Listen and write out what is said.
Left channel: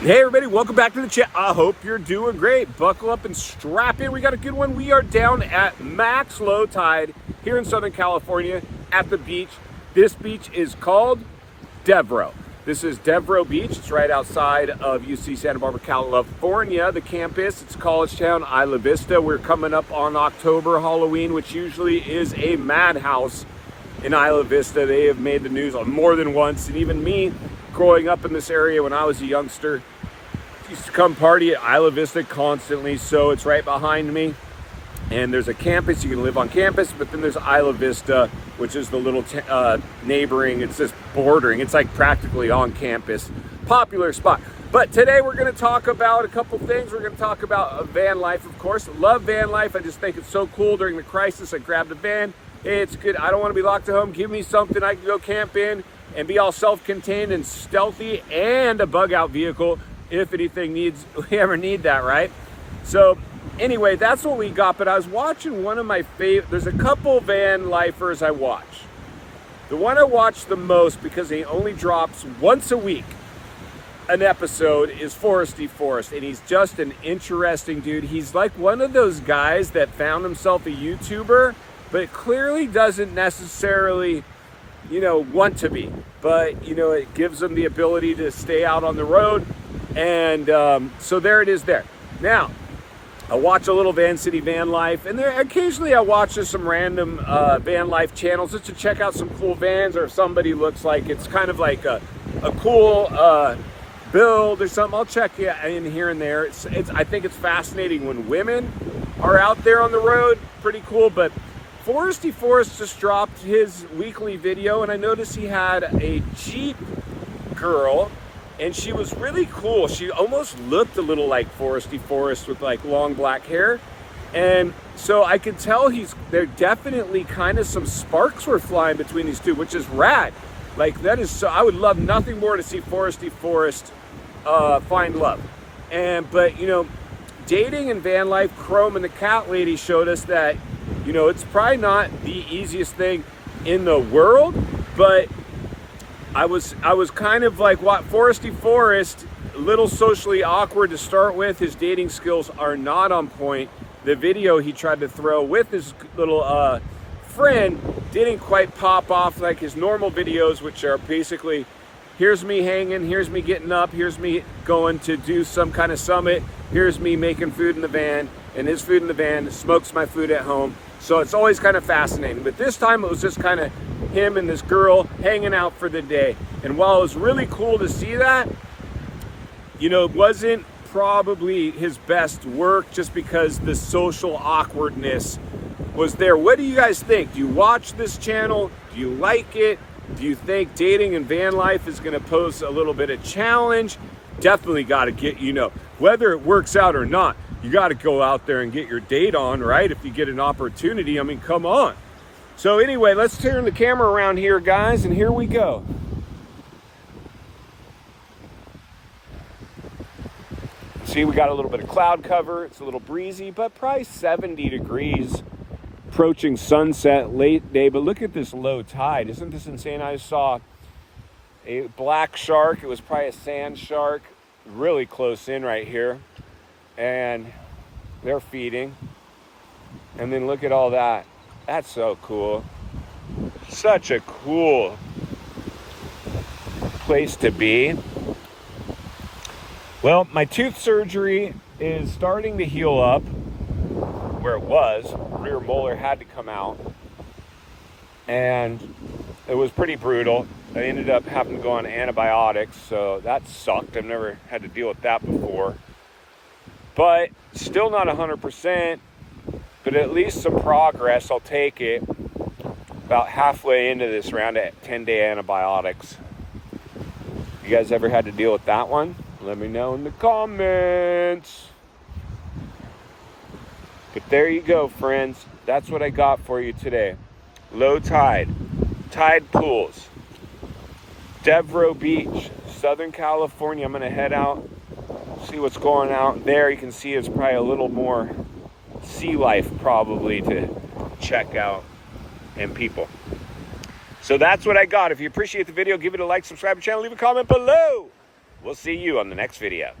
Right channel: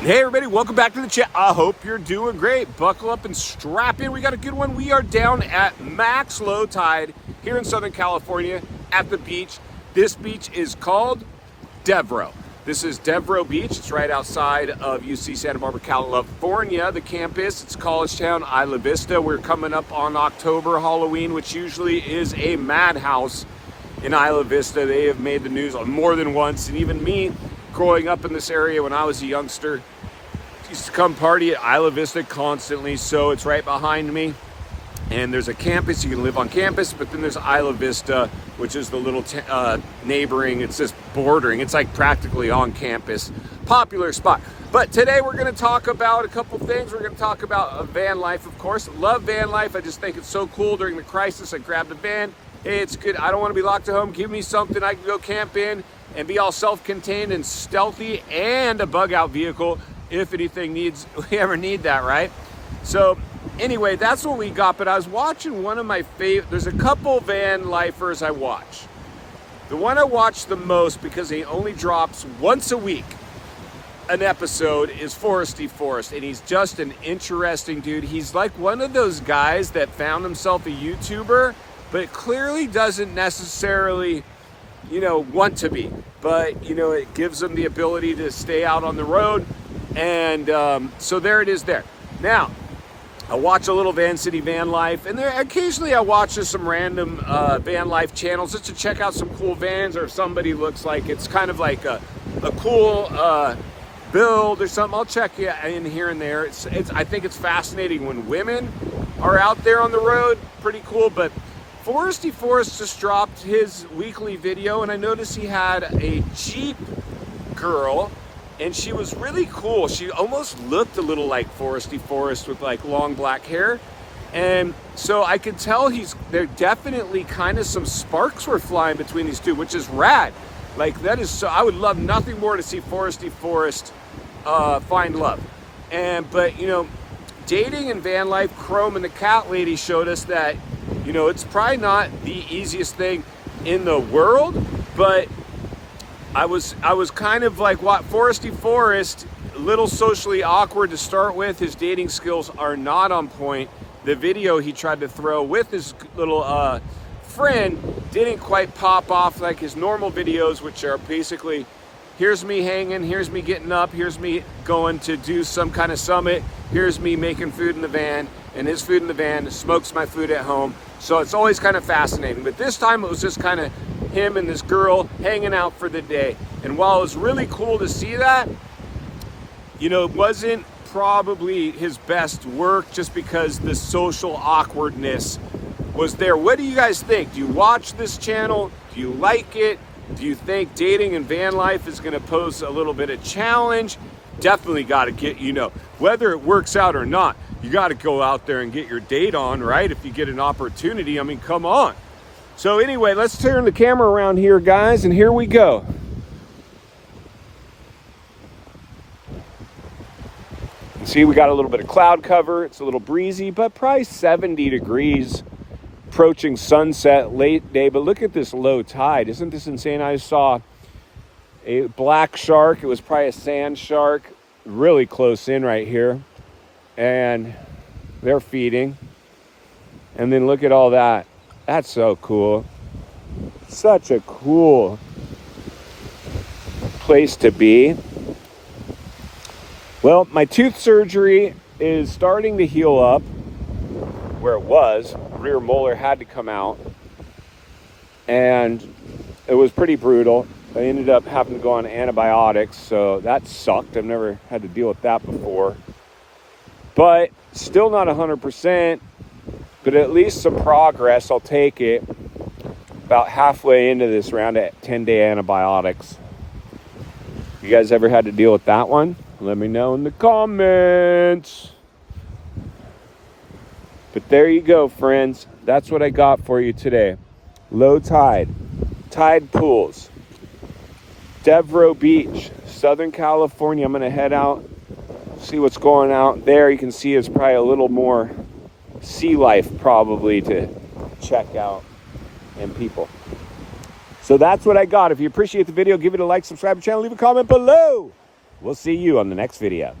Hey everybody, welcome back to the chat. I hope you're doing great. Buckle up and strap in. We got a good one. We are down at max low tide here in Southern California at the beach. This beach is called Devereaux. This is Devereaux Beach. It's right outside of UC Santa Barbara, California. The campus, it's college town, Isla Vista. We're coming up on October Halloween, which usually is a madhouse in Isla Vista. They have made the news more than once, and even me, growing up in this area when I was a youngster, used to come party at Isla Vista constantly. So it's right behind me, and there's a campus. You can live on campus, but then there's Isla Vista, which is the little neighboring, it's just bordering, it's like practically on campus. Popular spot. But today we're going to talk about a couple things. We're going to talk about van life, of course. Love van life. I just think it's so cool. During the crisis, I grabbed a van. Hey, it's good. I don't want to be locked at home. Give me something I can go camp in and be all self-contained and stealthy, and a bug-out vehicle if anything we ever need that, right? So anyway, that's what we got. But I was watching one of my favorite, there's a couple van lifers I watch. The one I watch the most, because he only drops once a week an episode, is Foresty, and he's just an interesting dude. He's like one of those guys that found himself a YouTuber, but clearly doesn't necessarily want to be, but it gives them the ability to stay out on the road. And so there it is there. Now, I watch a little Van City Van Life, and there occasionally I watch just some random van life channels just to check out some cool vans, or if somebody looks like it's kind of like a cool build or something. I'll check it in here and there. I think it's fascinating when women are out there on the road. Pretty cool. But Foresty just dropped his weekly video, and I noticed he had a Jeep girl, and she was really cool. She almost looked a little like Foresty with like long black hair. And so I could tell there definitely kind of some sparks were flying between these two, which is rad. Like that is so, I would love nothing more to see Foresty find love. But dating and van life, Chrome and the cat lady showed us that it's probably not the easiest thing in the world, but I was kind of like, what, Foresty, a little socially awkward to start with. His dating skills are not on point. The video he tried to throw with his little friend didn't quite pop off like his normal videos, which are basically, here's me hanging, here's me getting up, here's me going to do some kind of summit, here's me making food in the van, and his food in the van smokes my food at home. So it's always kind of fascinating. But this time it was just kind of him and this girl hanging out for the day. And while it was really cool to see that, it wasn't probably his best work, just because the social awkwardness was there. What do you guys think? Do you watch this channel? Do you like it? Do you think dating and van life is going to pose a little bit of challenge? Definitely got to get, whether it works out or not, you got to go out there and get your date on, right? If you get an opportunity, I mean, come on. So anyway, let's turn the camera around here, guys, and here we go. You see, we got a little bit of cloud cover. It's a little breezy, but probably 70 degrees. Approaching sunset, late day, but look at this low tide. Isn't this insane? I saw a black shark. It was probably a sand shark, really close in right here. And they're feeding. And then look at all that. That's so cool. Such a cool place to be. Well, my tooth surgery is starting to heal up where it was. Rear molar had to come out. And it was pretty brutal. I ended up having to go on antibiotics, so that sucked. I've never had to deal with that before. But still not 100%, but at least some progress. I'll take it. About halfway into this round of 10-day antibiotics. You guys ever had to deal with that one? Let me know in the comments. But there you go, friends. That's what I got for you today. Low tide, tide pools, Devereaux Beach, Southern California. I'm going to head out, see what's going out there. You can see it's probably a little more sea life probably to check out and people. So that's what I got. If you appreciate the video, give it a like, subscribe to the channel, leave a comment below. We'll see you on the next video.